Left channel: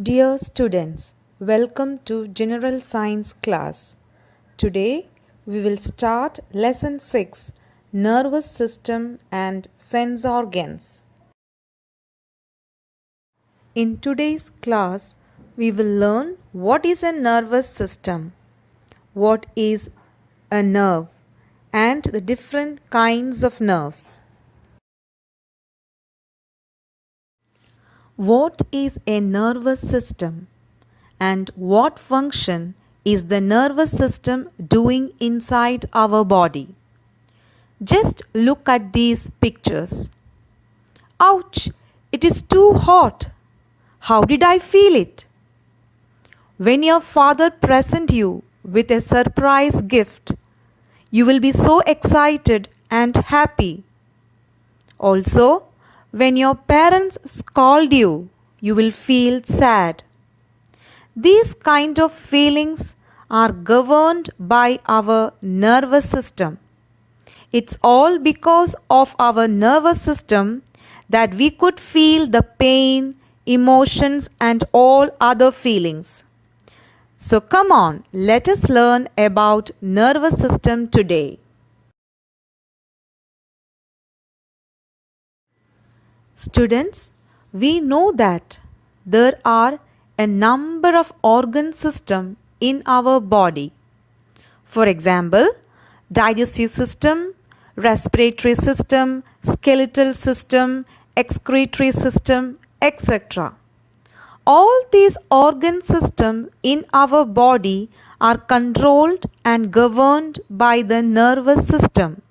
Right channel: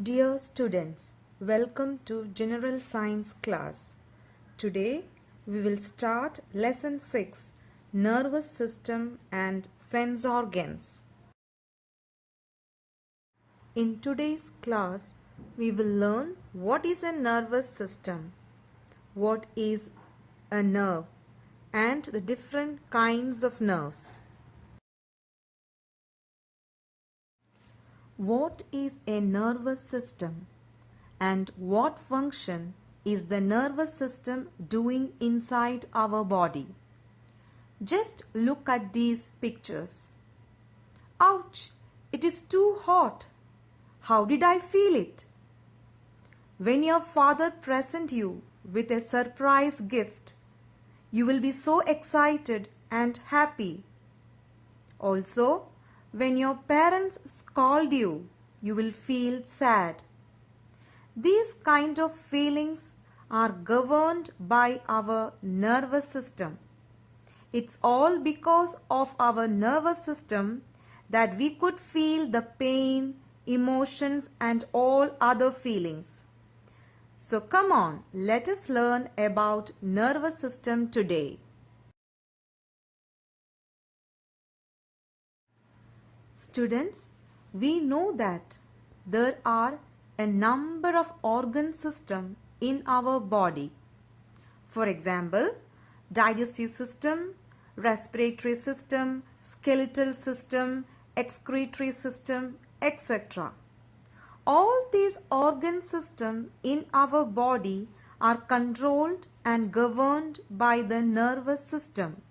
Dear students, welcome to General Science class. Today we will start lesson 6, Nervous System and Sense Organs. In today's class we will learn what is a nervous system, what is a nerve, and the different kinds of nerves. What is a nervous system and what function is the nervous system doing inside our body? Just look at these pictures. Ouch! It is too hot. How did I feel it? When your father presents you with a surprise gift, you will be so excited and happy. Also, when your parents scold you, you will feel sad. These kind of feelings are governed by our nervous system. It's all because of our nervous system that we could feel the pain, emotions, and all other feelings. So come on, let us learn about nervous system today. Students, we know that there are a number of organ systems in our body. For example, digestive system, respiratory system, skeletal system, excretory system, etc. All these organ systems in our body are controlled and governed by the nervous system.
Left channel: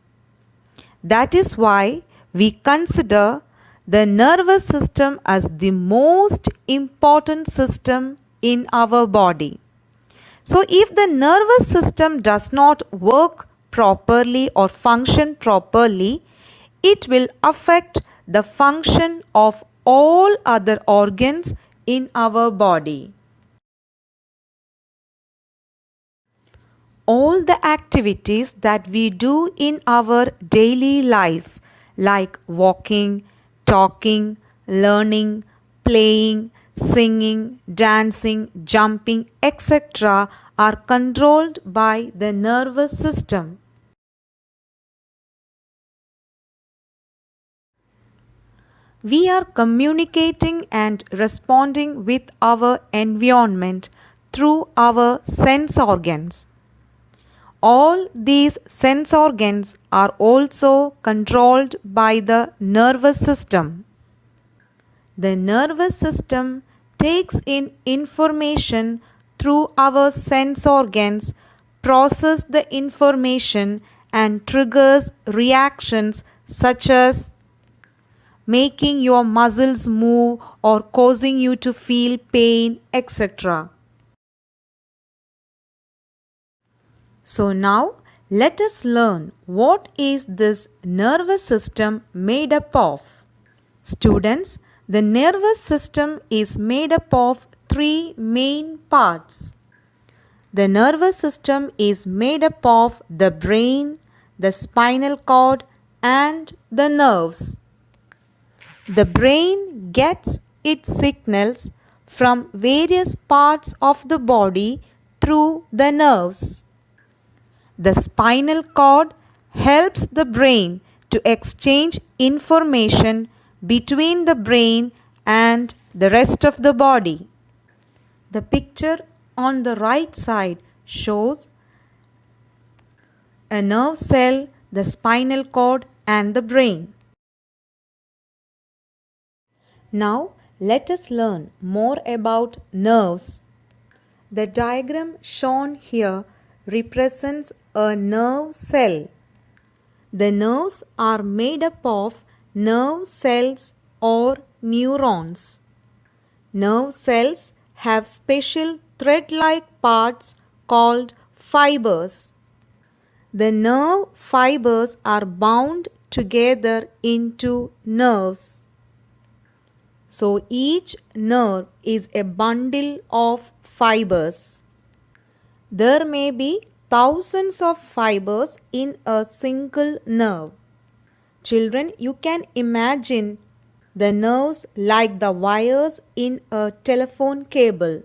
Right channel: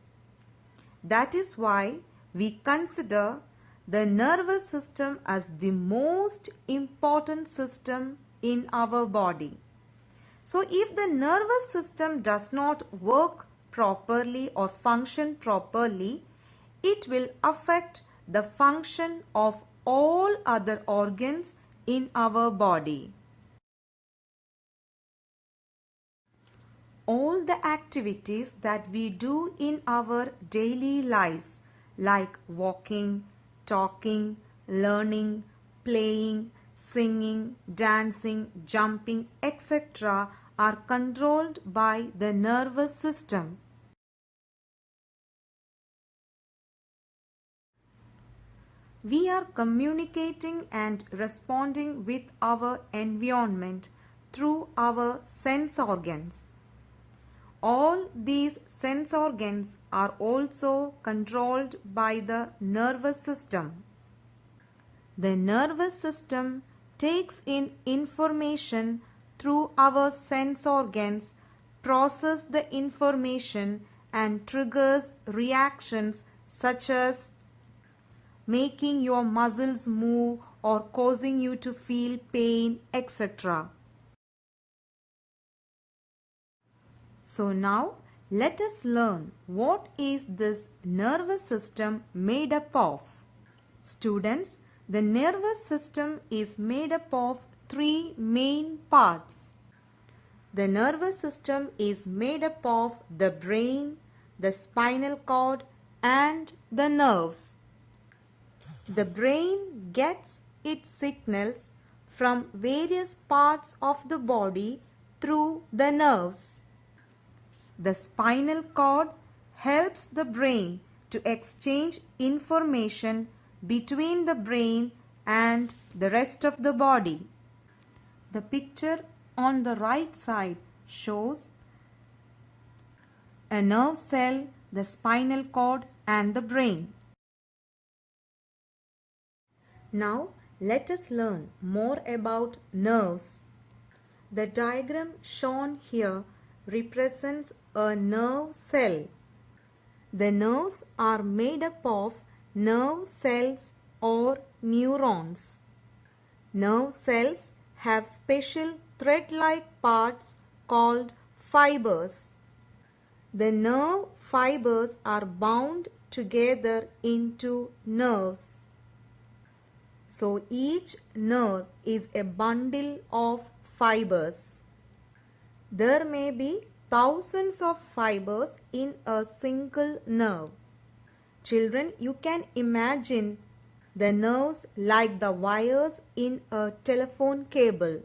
That is why we consider the nervous system as the most important system in our body. So if the nervous system does not work properly or function properly, it will affect the function of all other organs in our body. All the activities that we do in our daily life, like walking, talking, learning, playing, singing, dancing, jumping, etc., are controlled by the nervous system. We are communicating and responding with our environment through our sense organs. All these sense organs are also controlled by the nervous system. The nervous system takes in information through our sense organs, processes the information and triggers reactions such as making your muscles move or causing you to feel pain, etc. So now let us learn what is this nervous system made up of. Students, the nervous system is made up of three main parts. The nervous system is made up of the brain, the spinal cord, and the nerves. The brain gets its signals from various parts of the body through the nerves. The spinal cord helps the brain to exchange information between the brain and the rest of the body. The picture on the right side shows a nerve cell, the spinal cord, and the brain. Now let us learn more about nerves. The diagram shown here represents a nerve cell. The nerves are made up of nerve cells or neurons. Nerve cells have special thread-like parts called fibers. The nerve fibers are bound together into nerves. So each nerve is a bundle of fibers. There may be thousands of fibers in a single nerve. Children, you can imagine the nerves like the wires in a telephone cable.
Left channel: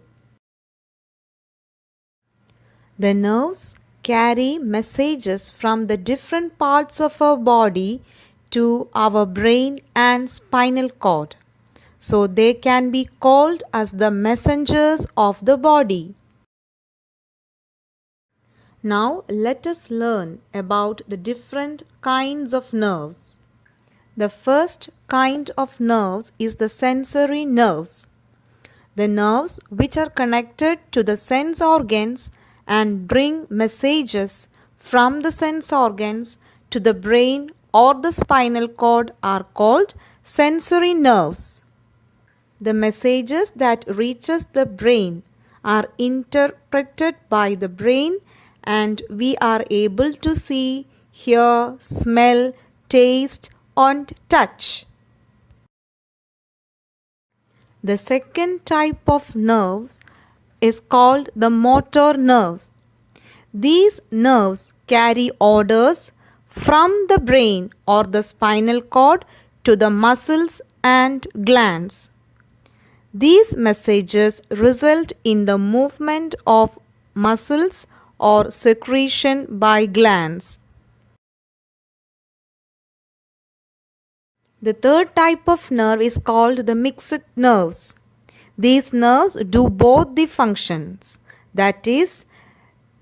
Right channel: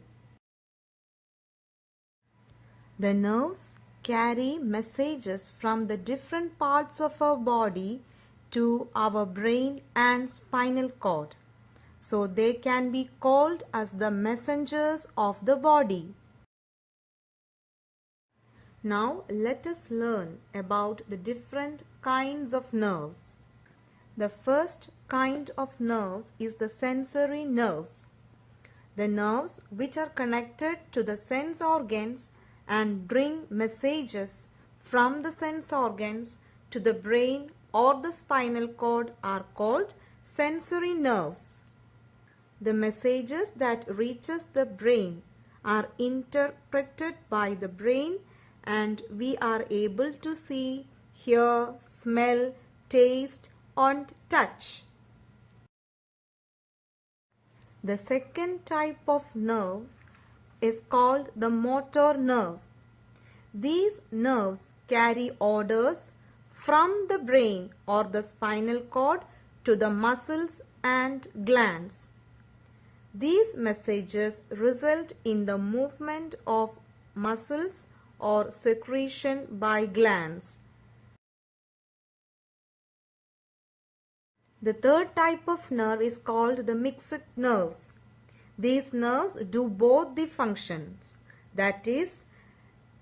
The nerves carry messages from the different parts of our body to our brain and spinal cord. So they can be called as the messengers of the body. Now let us learn about the different kinds of nerves. The first kind of nerves is the sensory nerves. The nerves which are connected to the sense organs and bring messages from the sense organs to the brain or the spinal cord are called sensory nerves. The messages that reaches the brain are interpreted by the brain and we are able to see, hear, smell, taste and touch. The second type of nerves is called the motor nerves. These nerves carry orders from the brain or the spinal cord to the muscles and glands. These messages result in the movement of muscles or secretion by glands. The third type of nerve is called the mixed nerves. These nerves do both the functions. That is,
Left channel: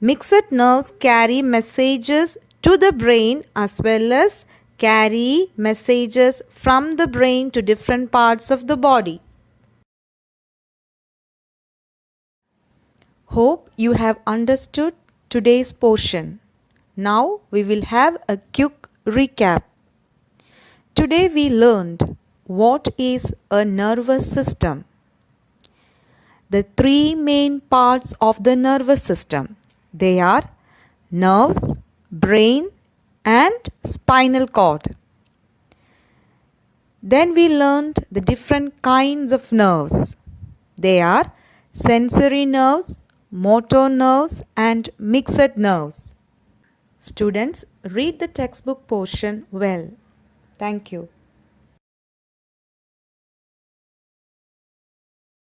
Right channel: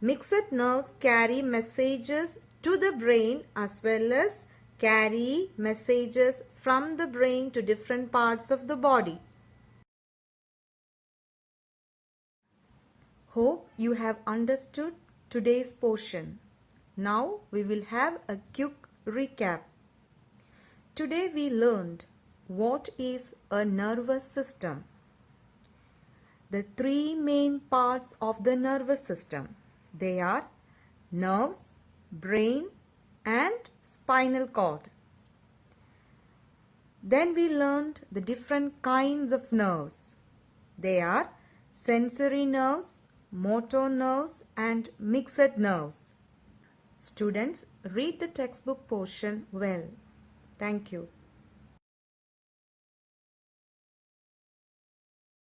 mixed nerves carry messages to the brain as well as carry messages from the brain to different parts of the body. Hope you have understood today's portion. Now we will have a quick recap. Today we learned what is a nervous system. The three main parts of the nervous system. They are nerves, brain and spinal cord. Then we learned the different kinds of nerves. They are sensory nerves, motor nerves and mixed nerves. Students, read the textbook portion well. Thank you.